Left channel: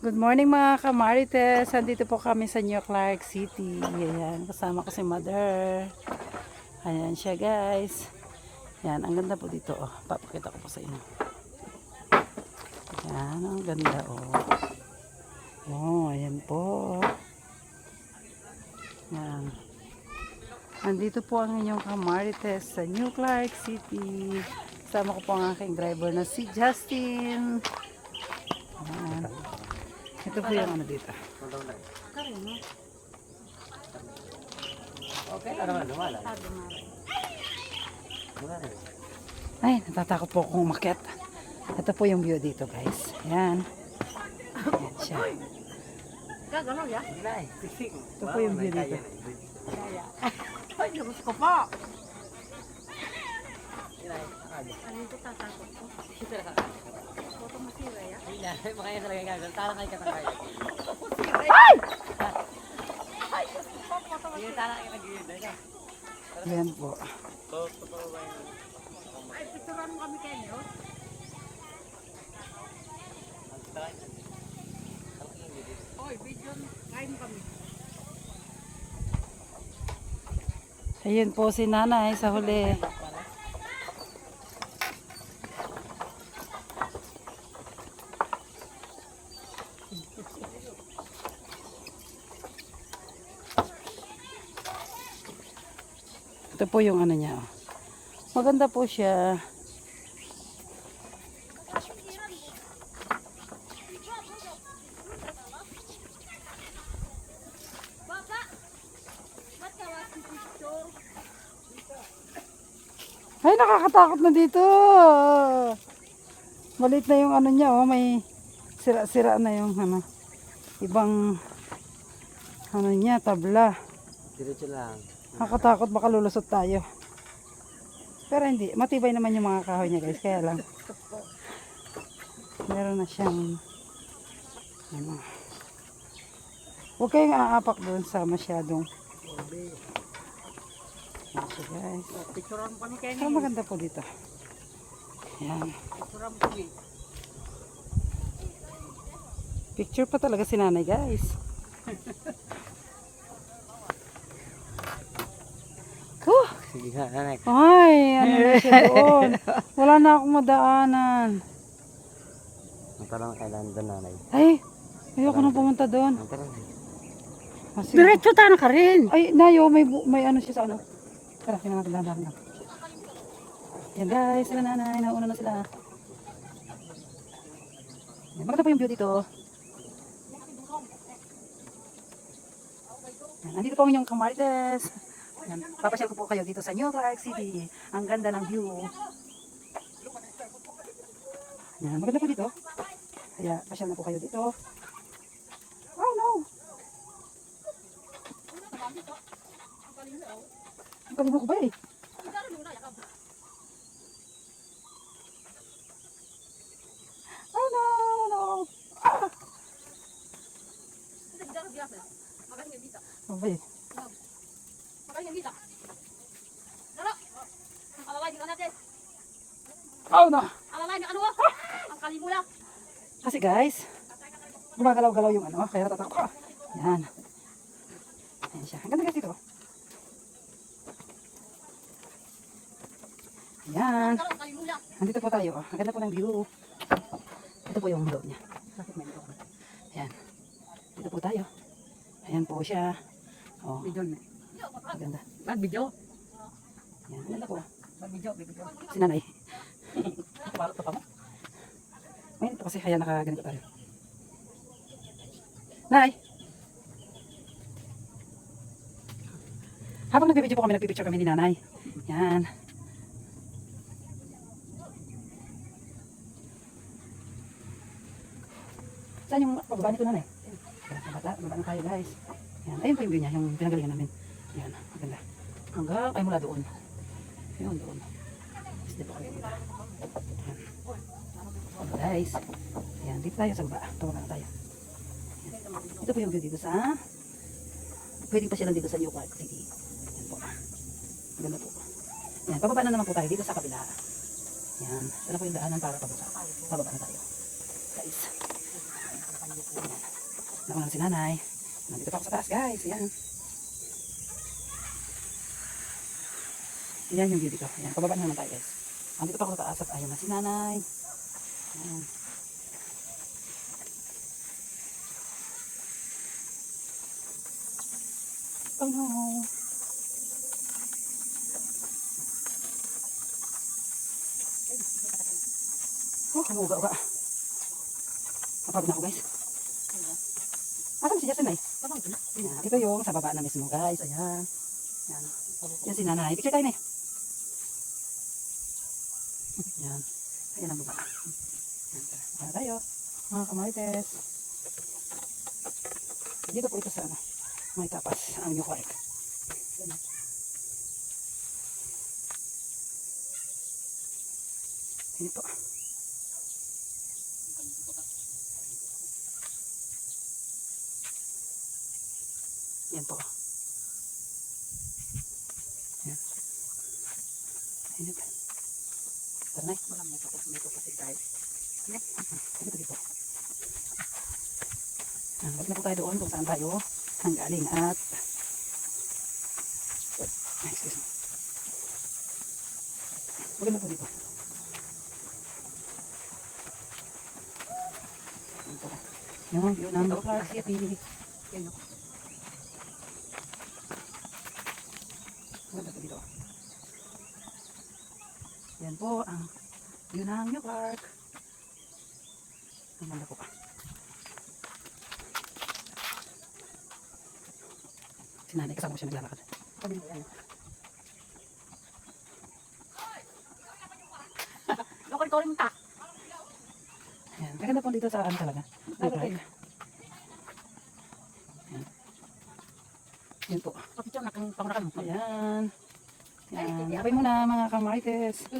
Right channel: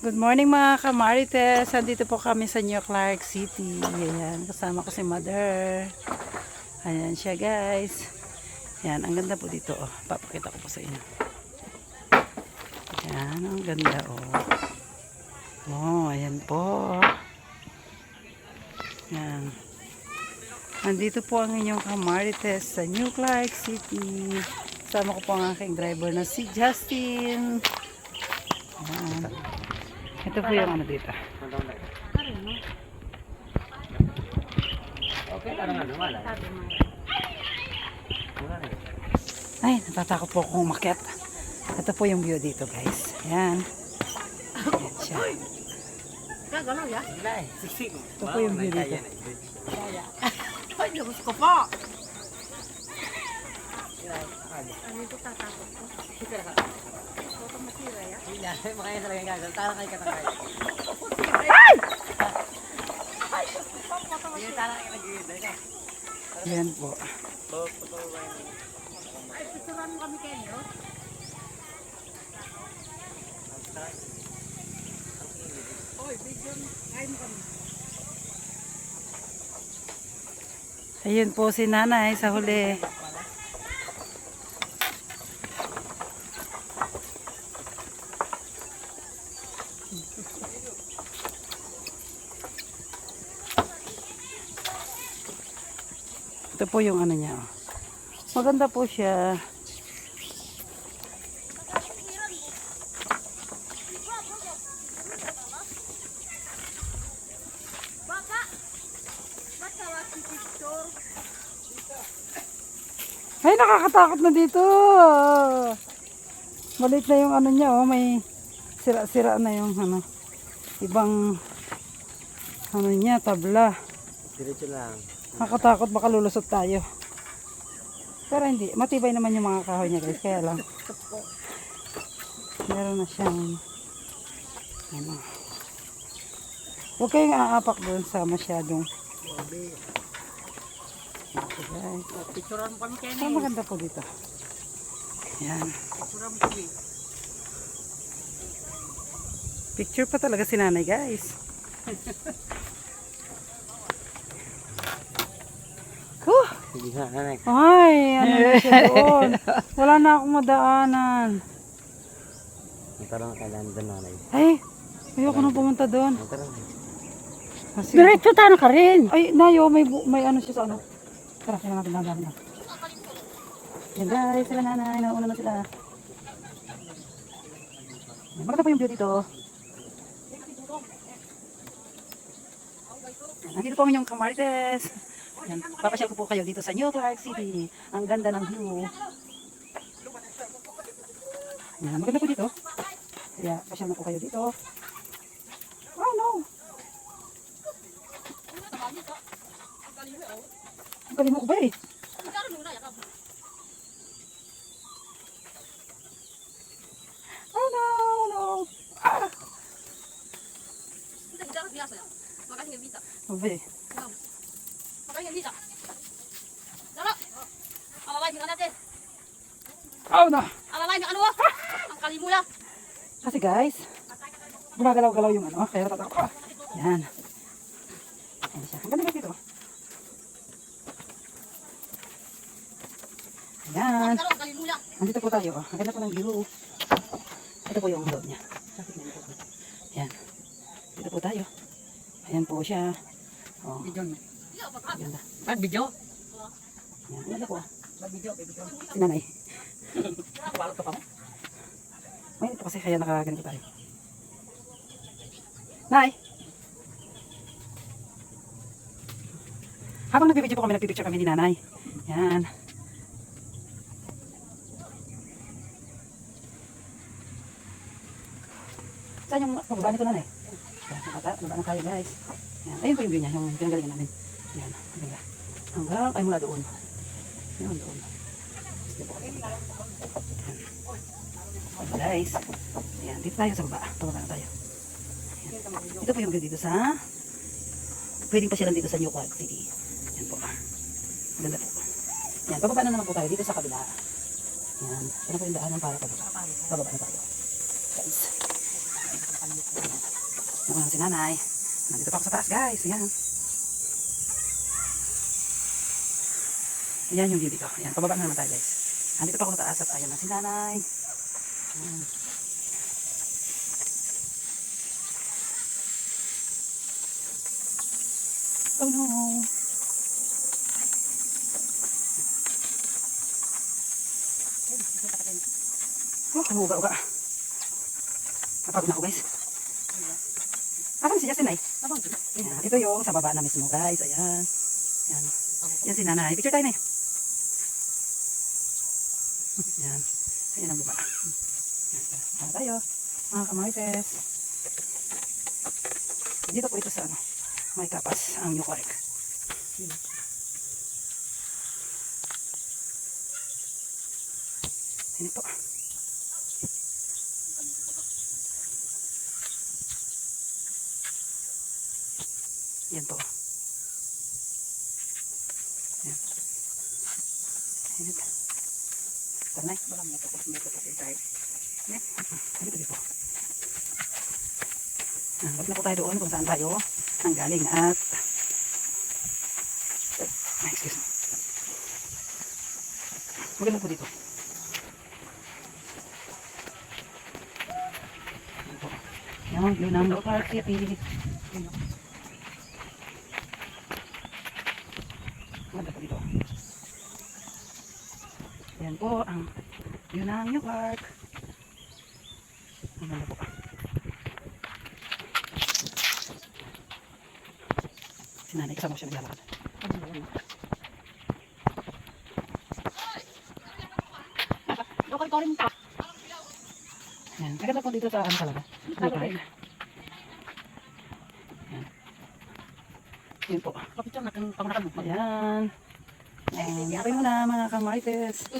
Good morning mga kamarites. Andito po kami sa New Clark City. Ayan, kasama ko si Mother. Ayan siya guys. Ayan, ang ganda po dito. Oh. Papakita ko po sa inyo. Ayan, ang ganda oh. Oh, ayan po. Ayan. Andito po ang inyong kamarites sa New Clark City. Kasama ko po ang aking driver na si Justin. Ayan. Ito po yung ano dito. Okay, ano nga lumala? Ay, natatakot po akong umakyat. Ito po yung view dito guys. Ayan. Ayan siya. Ito po yung view dito. Ay, Diyos ko po. Ano ito tatakot ko? Foto masira ya? Hindi, makaya talaga gagawin. Tara kayo katangkaya. Ay! Ay, Diyos ko po. Foto Sige, masira. tara kayo nag-iiday ka. Ayan po. Ay, picturean mo kami kayo. Oy, video mo. Kain mo kami. Ayun po si nanay sa huli. Ito po yung ano niya. Maganda po siya. Baka, ba't tawag si picture? Ay, nakakatakot na dito. Maliit na yung ano niya, oh. May sira-sira na yung ano. Ibang ano niya, tabla. Diretso lang. Nakakatakot, baka lulusot tayo. Pero hindi, matibay naman yung mga kahoy niya guys. Kaya lang, meron na siyang ano. Huwag kayong aapak doon sa masyadong. Okay guys. Picturean mo kami kayo. Pero maganda po dito. Yan. Picturean mo kami. Picture pa talaga si nanay guys. Huh! Sige nga, nanay. Ay, ano na siya doon. Wala na akong madaanan. Tara na kailan doon, nanay. Ay, ayoko na pumunta doon. Tara. Ah, sige. Diretso tayo ka rin. Ay, nayo, may ano siya sa ano. Tara, tingnan natin lang. Yan guys, sila nanay, nauna na sila. Maganda po yung view dito. Andito po ang inyong kamarites. Yan, papasyal ko po kayo dito sa New Clark City. Ang ganda ng view. Yan, maganda po dito. Kaya, pasyal na po kayo dito. Oh no! Ang galing mo ko ba eh? Oh no, no! Ah! Mabe. Oh no! Kasi guys, gumagalaw-galaw yung ano, kaya natatakot ko. Yan. Ayan siya. Ang ganda guys dito. Ayan. Nandito po tayo. Ang ganda po ng view. Ito po yung loob niya. Ayan. Dito po tayo. Ayan po siya. Oh, ang ganda. Bad video? Ayan. Ang ganda po. Bad video, Si nanay. Balot ka pa mo? Ngayon po kasi kaya nakaganito tayo. Nay! Habang nag-video po kami, nagpipicture kami ni nanay. Yan. Saan yung pababa nito nanay? Baba na tayo guys. Yan. Ayun po yung view niya, yung pinanggalingan namin. Yan, maganda. Hanggang ay mula doon. Yun, doon. Yan. Guys. Ayan, dito tayo sa baba. Pababa na tayo. Ayan. Ito po yung view dito sa pwedeng pasyalan dito sa New Clark City. Ayan po. Ganda po. Ayan, pababa na naman po tayo dito sa kabila. Ayan. Ito po yung daanan para pababa. Pababa na tayo. Guys. Nauna si nanay. Nandito pa ako sa taas guys. Ayan. Ayan yung view dito. Ayan, pababa na naman tayo guys. Nandito pa ako sa taas at ayan na si nanay. Ayan. Oh no. Oh, kumuga-uga. Napagod na ako guys. Asan si Justin ay? Ayan, ito yung sa baba na mismo guys. Ayan. Ayan. Yan si nanay. Picture tayo na. Ayan. Ayan ang baba. Ayan tayo. Mga kamarites. Dito po ito sa ano. May kapas ang New Quark. Sino po? Yan po. Yan. Ayan. Tara na. Marami ito. May kapatid tayo. Yan. Dito po. Huwag na po tayo doon kung saan tayo ang galing at excuse me. Maganda po dito. Yan, yun ang New Quark City. Maganda po dito. Yan po ang yun ang New Quark. Maganda po. Si nanay kasama ko siya naglalakad. Okay, ikaw rin pa. Ayan. Maganda po dito sa ano talaga. New Quark. Ayan. Yun po. Kapit siya, pangunakan mo. Ayan. Ayan. Happy mo na mga kamarites.